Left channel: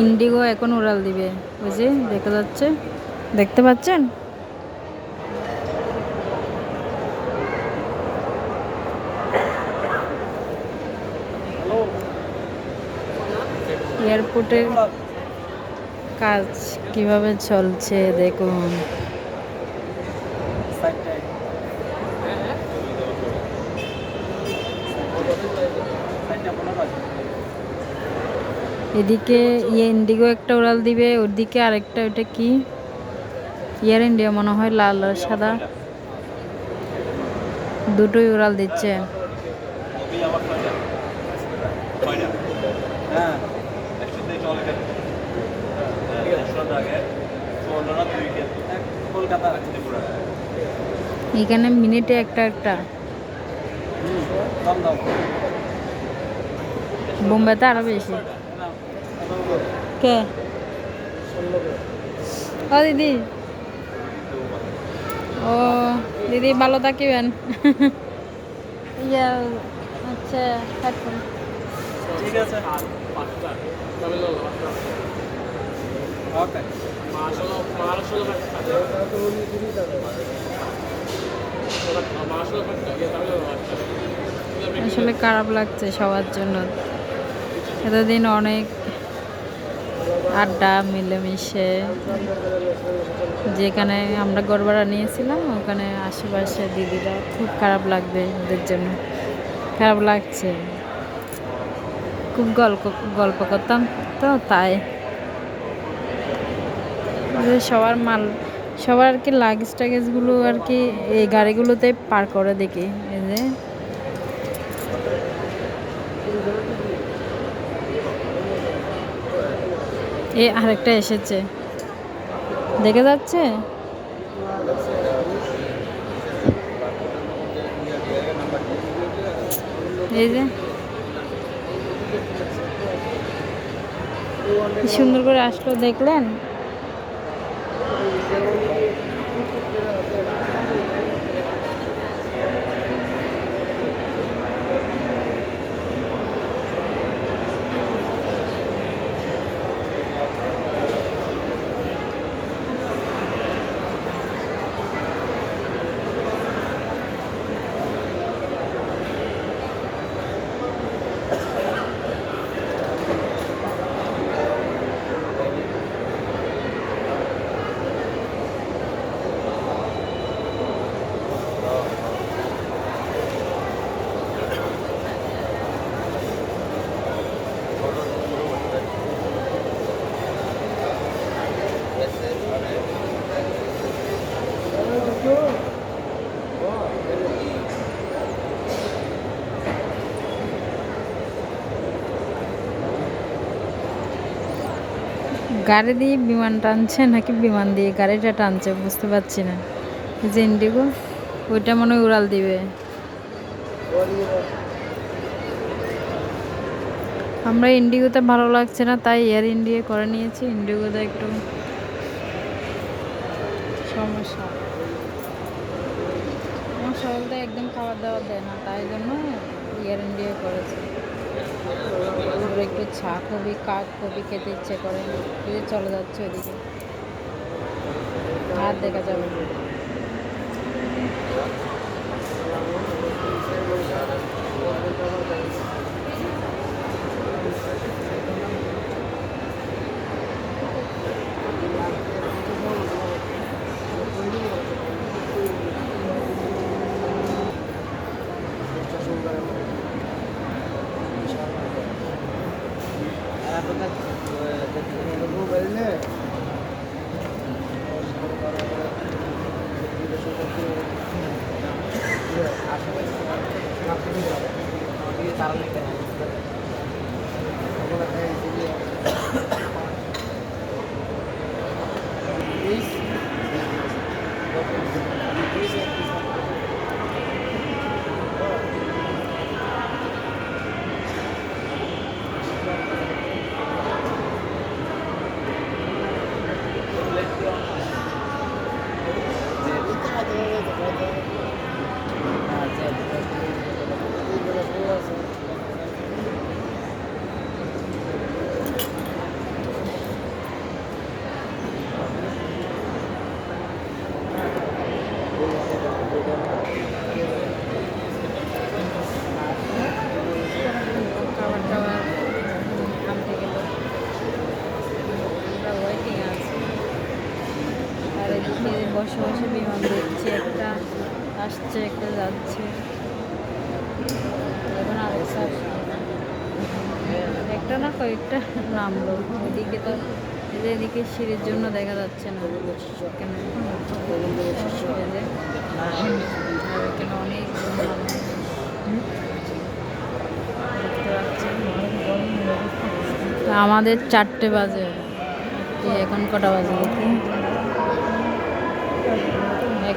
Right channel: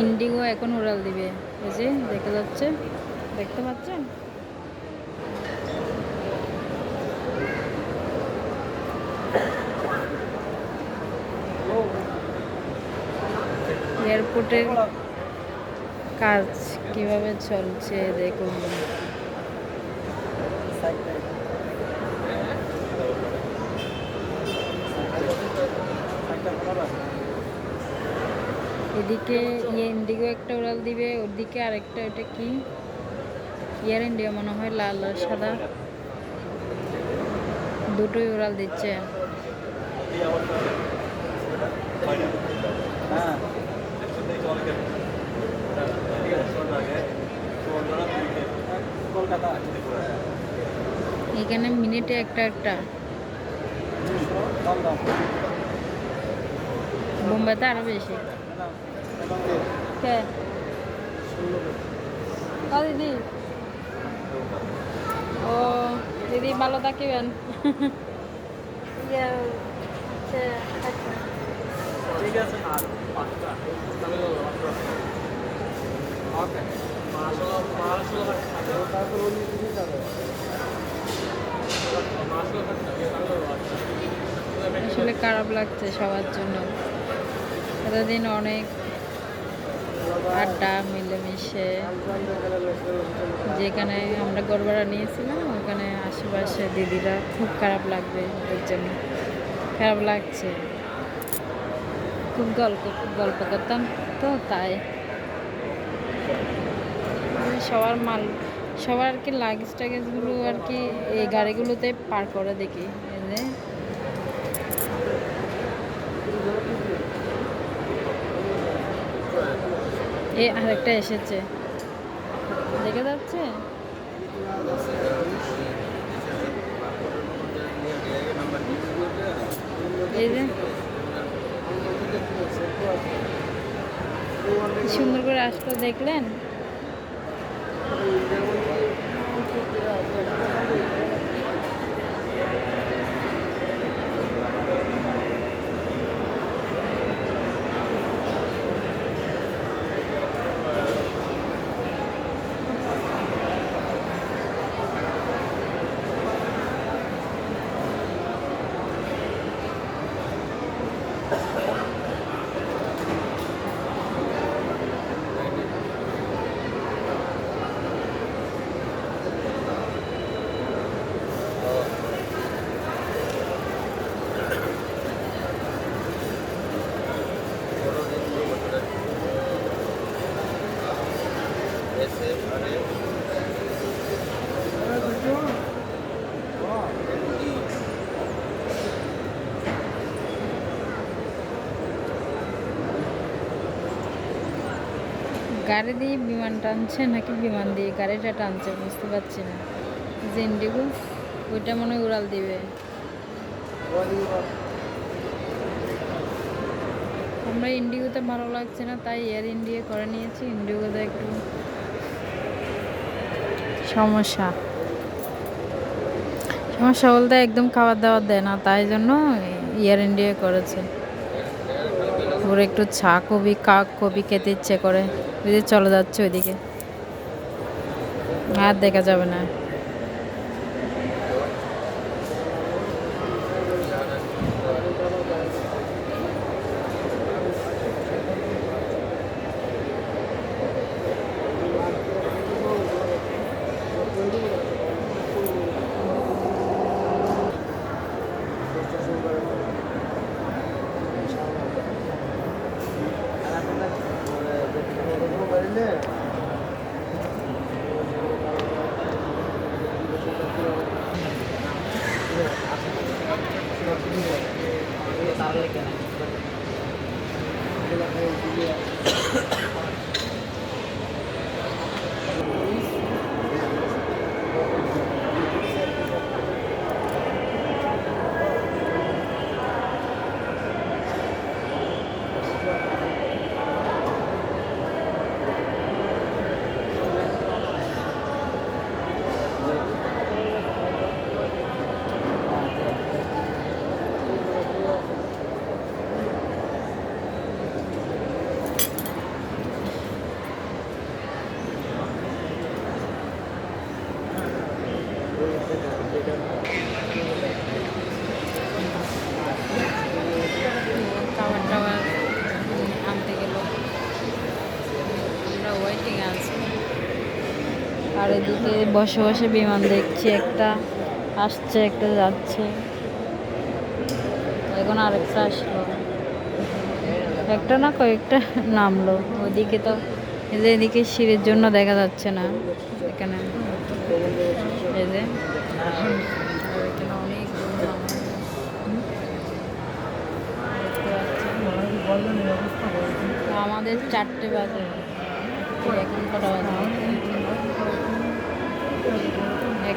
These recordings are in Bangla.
ইন্ডিগো এখন উড়াল দিবে? ওই যে দেখা যাচ্ছে। দেখতে পাচ্ছেন? এয়ারপোর্টের কাজ কীভাবে চলছে দেখুন। এদিকে ইয়ে ইন্ডিগো একটা উড়াল দিবে, ওদিকে আরেকটা, ওটা কি? ইয়ার ইন্ডিয়া মনে হয় লাল আর সাদা। দুটোই উড়াল দিচ্ছে। এখানে মিনিটে একটা একটা। বোম্বাইতে আরও বেশি। কে? ও দিদি। ও দিদি ভালো থাকিবেন। ইয়া আচ্ছা। ঠিক আছে। আসলে খারাপ লাগছে সবার জন্য। এতদিন অনেক আড্ডা, মিলেমিশে। যেখানে আমরা গড়বাড়া নিয়েছিলাম, ওখানে আশেপাশে দিদিরা খুব খারাপ লাগবে ওদের জন্য। খারাপ লাগছে। খুব গল্প গল্প করতাম তো, তাই। সবার মাল, সবার আর কি লাগেজ টাগেজগুলো আর কি এই গাড়িগুলোতে পার করে দেখি এই যে এ আরেকটা এসেছে। দেখে যাচ্ছে? এই যে। সুন্দর করে আসলো দেখলেন? গাড়ি দিয়ে বিমান টানছে নাকি বিমান দিয়ে গাড়িটা টানছে বুঝতে পারছি না। যে ইন্ডিগো ওইটা মনে হয় উড়াল দিবে। আমরা ইন্ডিগোতে ভালো লাগছে না, তাই এয়ার ইন্ডিয়া করে নিয়েছি। ইন্ডিগোতে একটু সমস্যা। সমস্যা বলতে একদম খাবার দাবার দেয় না, তাই জন্য এয়ার ইন্ডিয়া করেছে। ওর একটু চা কবি কাক কবি খেতে ইচ্ছে করে। চলে যাচ্ছে ওইদিকে। আর দেখা যাবে না। তারা বসে বিমান দেখছি, একটা আসছে, একটা যাচ্ছে। এখন আরেকটা আসলো না। একটা না কয়েকটা নামলো। ওইদিকে তো এদিকে সিঁড়ির জন্য দেখা যাচ্ছে না। এখানে আর আমাদের চারটে বাজে। এখন কটা বাজে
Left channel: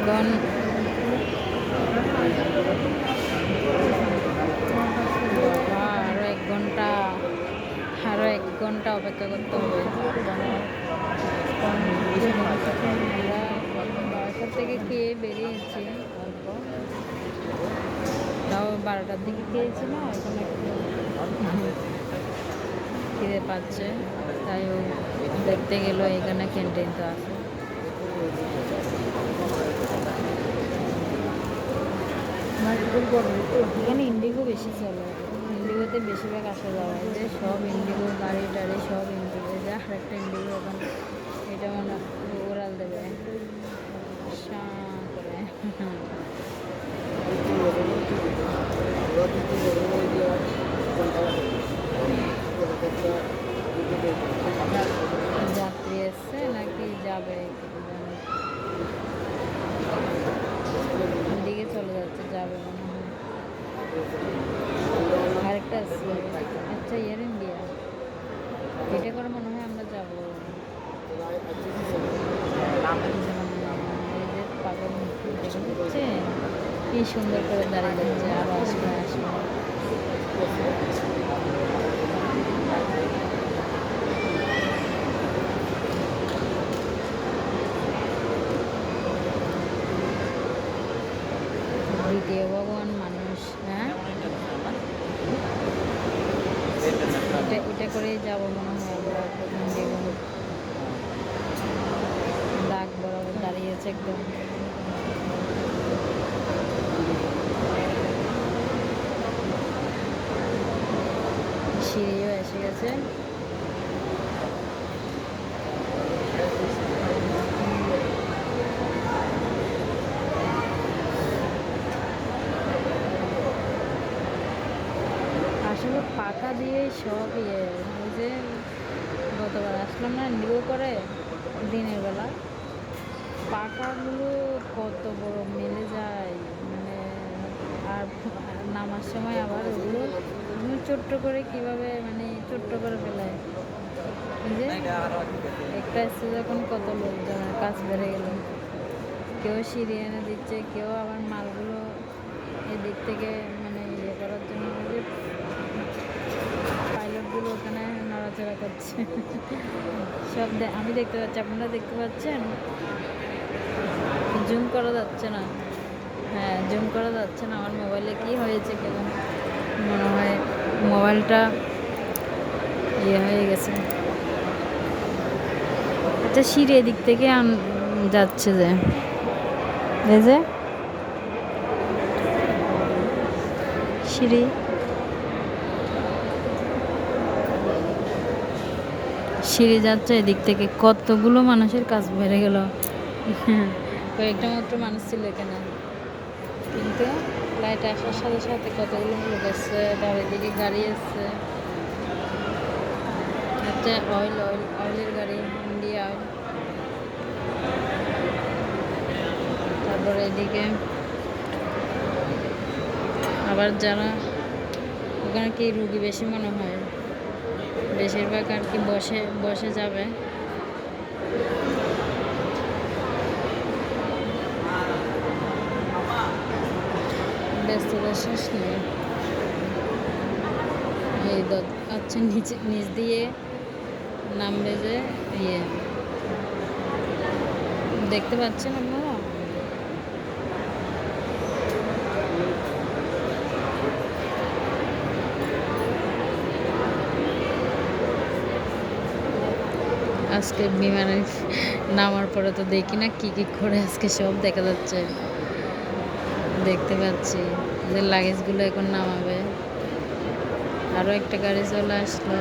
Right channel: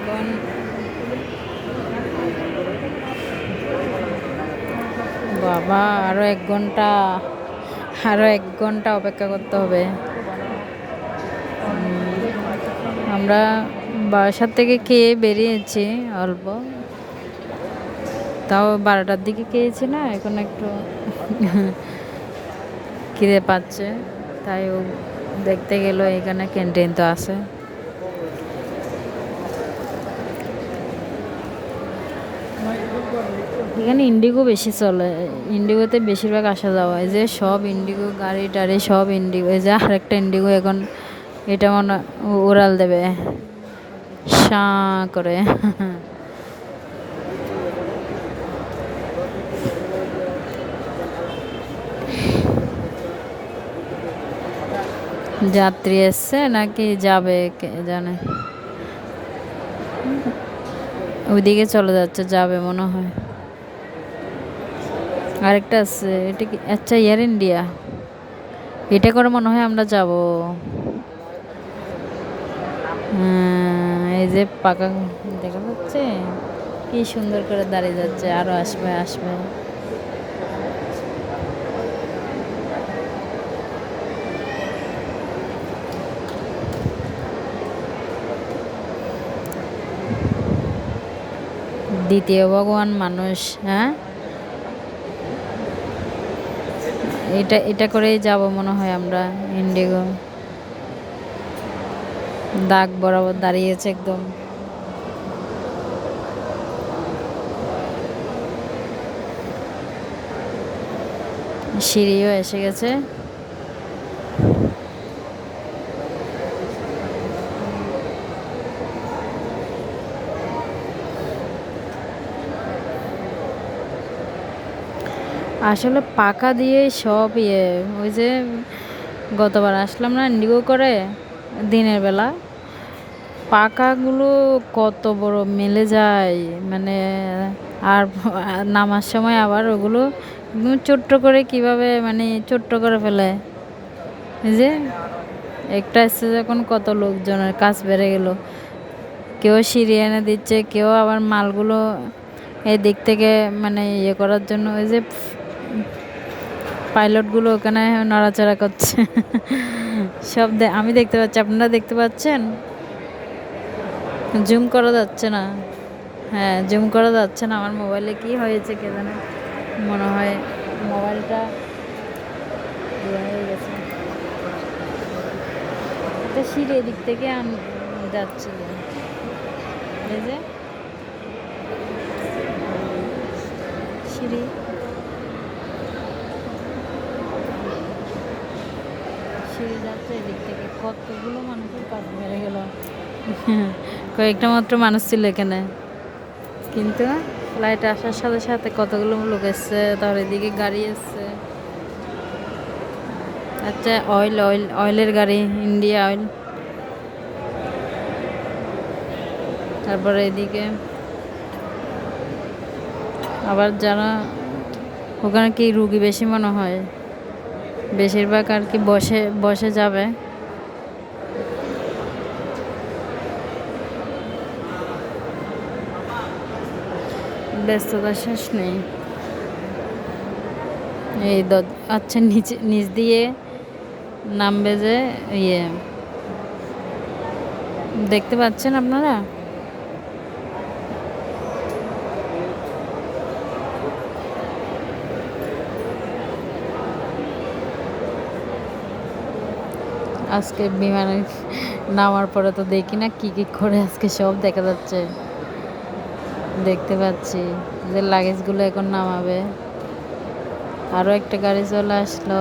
এখন বাবা, আরও এক ঘণ্টা, আরও এক ঘণ্টা অপেক্ষা করতে হবে। আমরা বাসার থেকে খেয়ে বেরিয়েছি অল্প। তাও বারোটার দিকে খেয়েছি না, এখন একটু খিদে পাচ্ছে। তাই ও দেখতে গেল, এখানে ক্যান্টিন তো আছে। এখানে ইন্ডিগো বেশি চলে। ইন্ডিগোতে বেশিরভাগ আসা যাওয়া হয়। যে সব ইন্ডিগো গাড়ি টাড়ি সব ইন্ডিগো। এই যে আরেকটা ইন্ডিগো এখন এটা মনে উড়াল দেবে। সাঁ করে। যাত্রী এসছে নাকি যাবে কে জানে। ওইদিকে চলে যাচ্ছে যাবে মনে হয়। আরেকটা আছে এটা কি? আচ্ছা এয়ার ইন্ডিয়া এটা করে মনে হয় আমরা যাব। হ্যাঁ, এই যে পাকা দেখা যাচ্ছে কি সুন্দর করে দাঁড়িয়ে যাচ্ছে আরও আসবে আসবে। দ্বিতীয় ভগবান মানুষ হ্যাঁ? এটা এটা করেই যাব মনে হয় আমরা, ইন্ডিগো। দাগ বরাবর দাঁড়িয়েছে একদম। সিঁড়িও এসে গেছে। আসলে পাকা দিয়ে সব ইয়ে ওই যে গতবার আসলাম না ইন্ডিগো করে, দিনের বেলা। পাকাগুলো কত বড় মেলে যায় মানে আর নামার সময় আবার ওগুলো ছোট্ট করে কীভাবে মানে ছোট্ট করে ফেলে। যে একটা এসছে যখন কত লোকজনের কাজ বেড়ে গেল। কেউ সিঁড়ি এনে দিচ্ছে, কেউ আবার মালগুলো এই দিক থেকে মানে ইয়ে করার জন্য ওই যে পাইলটগুলো ওখানে নড়াচড়া করছে। সব আমি দেখতে পাচ্ছি, আপনারা দেখতে পাচ্ছেন? জুম করা যাচ্ছে না। হ্যাঁ জুম করা যাচ্ছে না। আমার মোবাইলে কি হয়েছে কে জানে? মনে হয় মোবাইলটা ইয়ে হয়ে গেছে। একটা সিঁড়ি এদিক থেকে যাচ্ছে যে। এই যে সিঁড়ি সিঁড়ি যাচ্ছে এদিক থেকে কতগুলো মানুষের কাজ বেড়ে গেল। কয়েকটা মাত্র মানুষ ছিল এখানে। কিন্তু ফ্লাইট আসার সাথে সাথে কতগুলো লোক এসছে, তারপর এদিকে গাড়ি এসছে। হচ্ছে অয়েল অয়েল অয়েলের গাড়ি ইন্ডিয়া অয়েল তারপরে এদিকে আবার যারা ওখানে কি রুগী বেশি মনে হয়? বেশিরভাগ আর কি বসে বসে যাবে। ব্যস্ততা শেষ নেই। এই আচ্ছা নিচে, নিচ দিয়ে নামবে যে ইয়ে। দেখতে পাচ্ছেন আপনারা? আজকে বিমানে নামার পরে তো দেখি না কি কি করে আজকে সব দেখা যাচ্ছে। দেখতে পাচ্ছি যে লাগেজগুলো এখন নামাবে। আরও একটা গাড়ি চলে আসলো।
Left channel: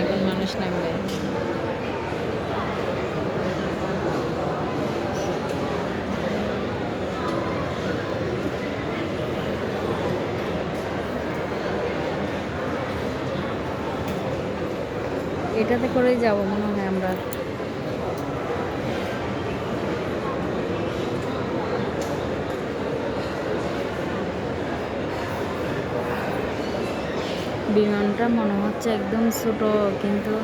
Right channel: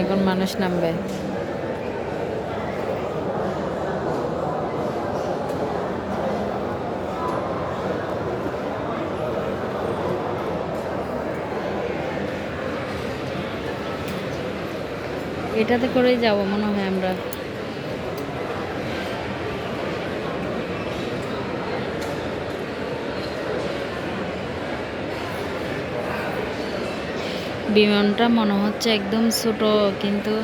এখন মানুষ নামবে। এটাতে করেই যাব মনে হয় আমরা। বিমানটা মনে হচ্ছে একদম ছোট, কিন্তু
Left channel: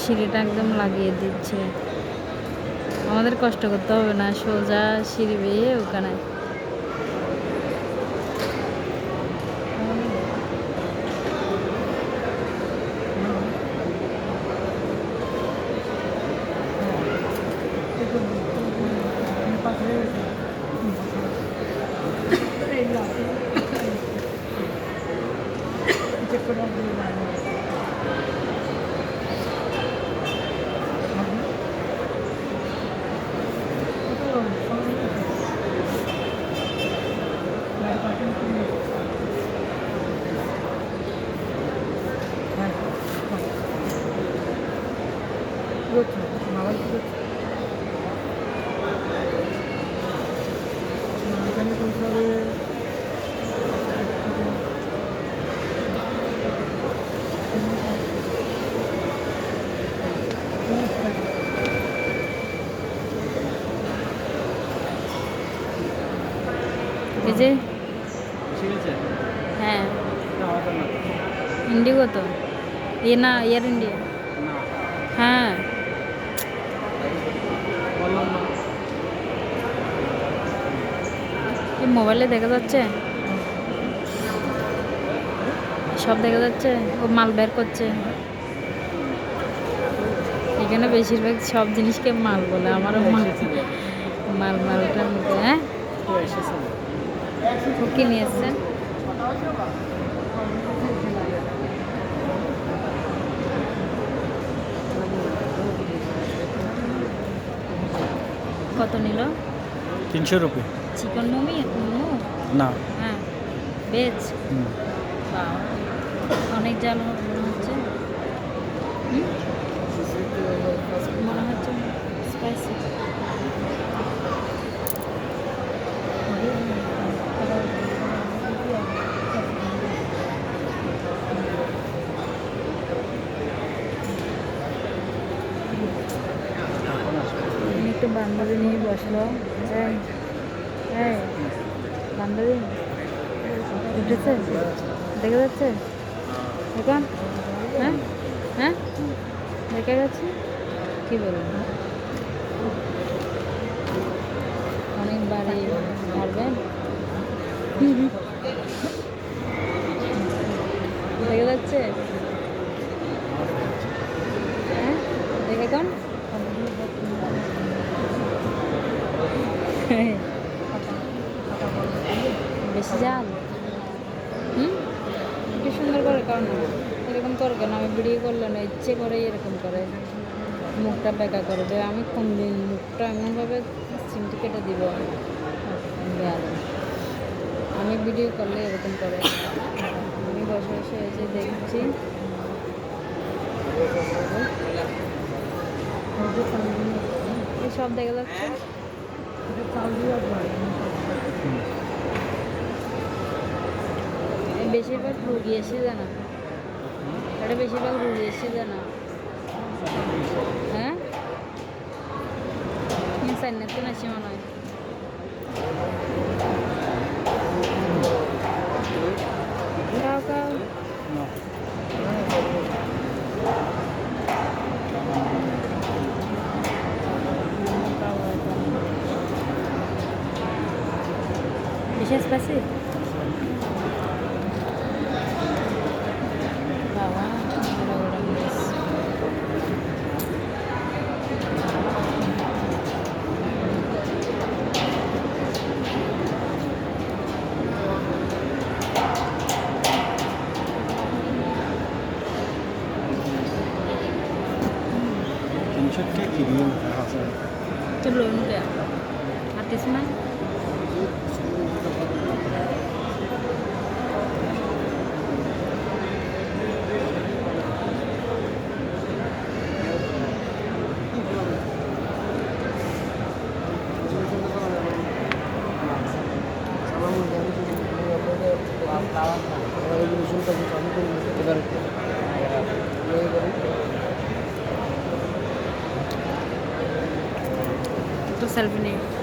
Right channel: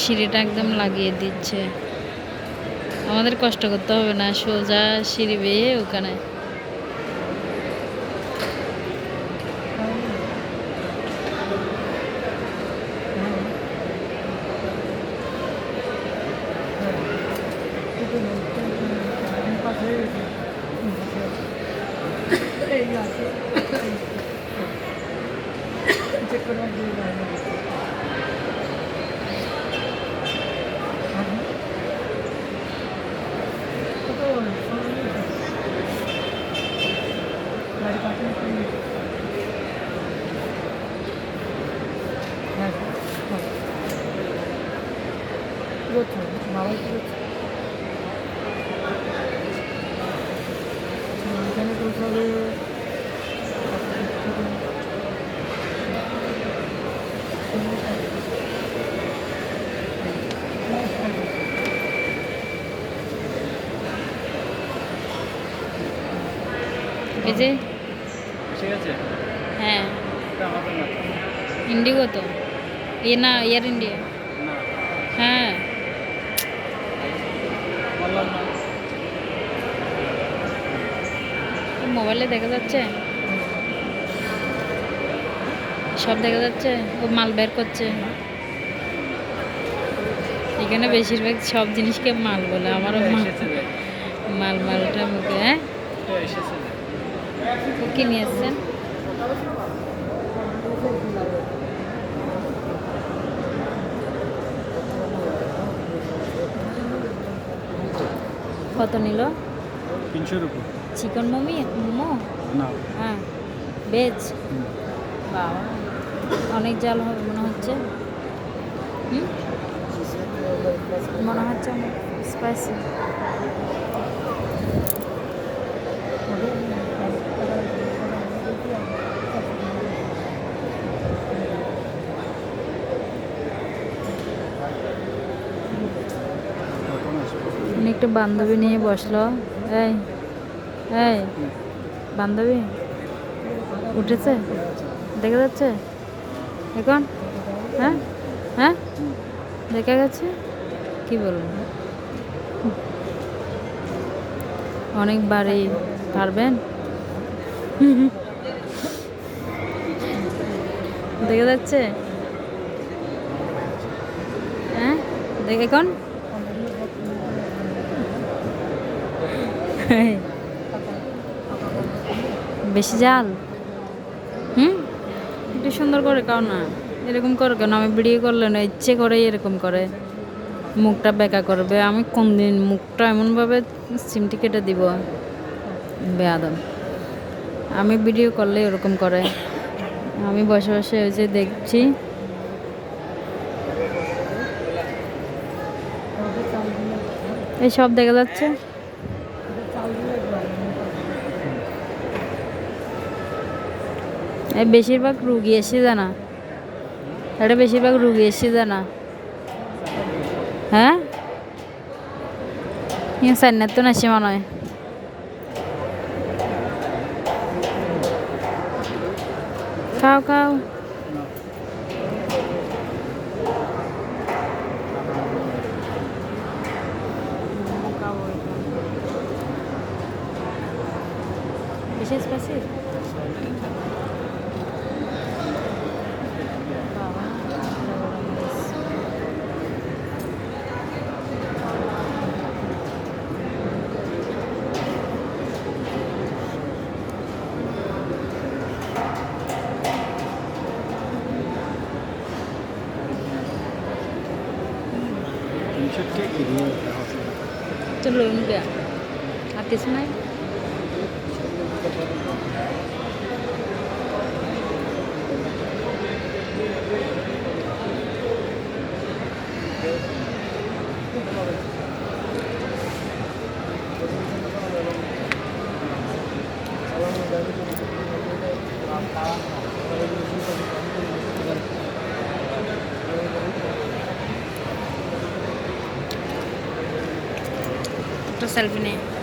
সিঁড়িটা একদম লাগিয়ে দিচ্ছে। আমাদের কষ্ট করতে হবে না সোজা সিঁড়ি বেয়ে ওখানে। এই যে ঠিক আছে। হ্যাঁ। ইন্ডিগো তো। এ না এয়ার ইন্ডিয়া। হ্যাঁ। মোবাইলে দেখা যাচ্ছে। সব দেখা যাচ্ছে। ও মাল বের করছে। এখানে বেশিরভাগ সব জিনিসকে মাল বলে। আমারও মাল। মাল মালটা মুখে হ্যাঁ? কি নিয়ে এসছেন কত নিল? তিনশো রুপি। চিকেন মোমি? মোমো? না। হ্যাঁ। ভেজ। অনেক জাল হবে মনে হচ্ছে? মনে হচ্ছে অনেক স্পাইসি একটু বান্ধবী নিয়ে বসল। এই এই, বান্ধবী, উঠেছে? দেখা যাচ্ছে? এখন? হ্যাঁ? হ্যাঁ? দেখা যাচ্ছে কি বলব? অনেক বাড়ি পারবেন? দেখা যাচ্ছে? হ্যাঁ? দেখে এখন? বেশি জাল? হুম? একটু সুন্দর করে খাও না। এরকম করে কেন? আমি ভিডিও করলে না, ইচ্ছে করেই এরকম করে। মুখটা বেকা করবে। আমি কোন দিন মুখটা এমনভাবে সিমটি কেটে দিব? বেয়াদম আমি ভিডিও করলে এরকম করে। আমি বসে বসে যে দেখছি। এই সব দেখা যাচ্ছে এই বেশিরভাগ রুগী এসে জানা এটা বেশিরভাগ রুগী এসে জানা হ্যাঁ? সান্নার তো নাসি মনে হয়। খাও খাও। না। বেশি 집으로 오는 거야. 앞에 스마일? 나왔다. No, no, এটা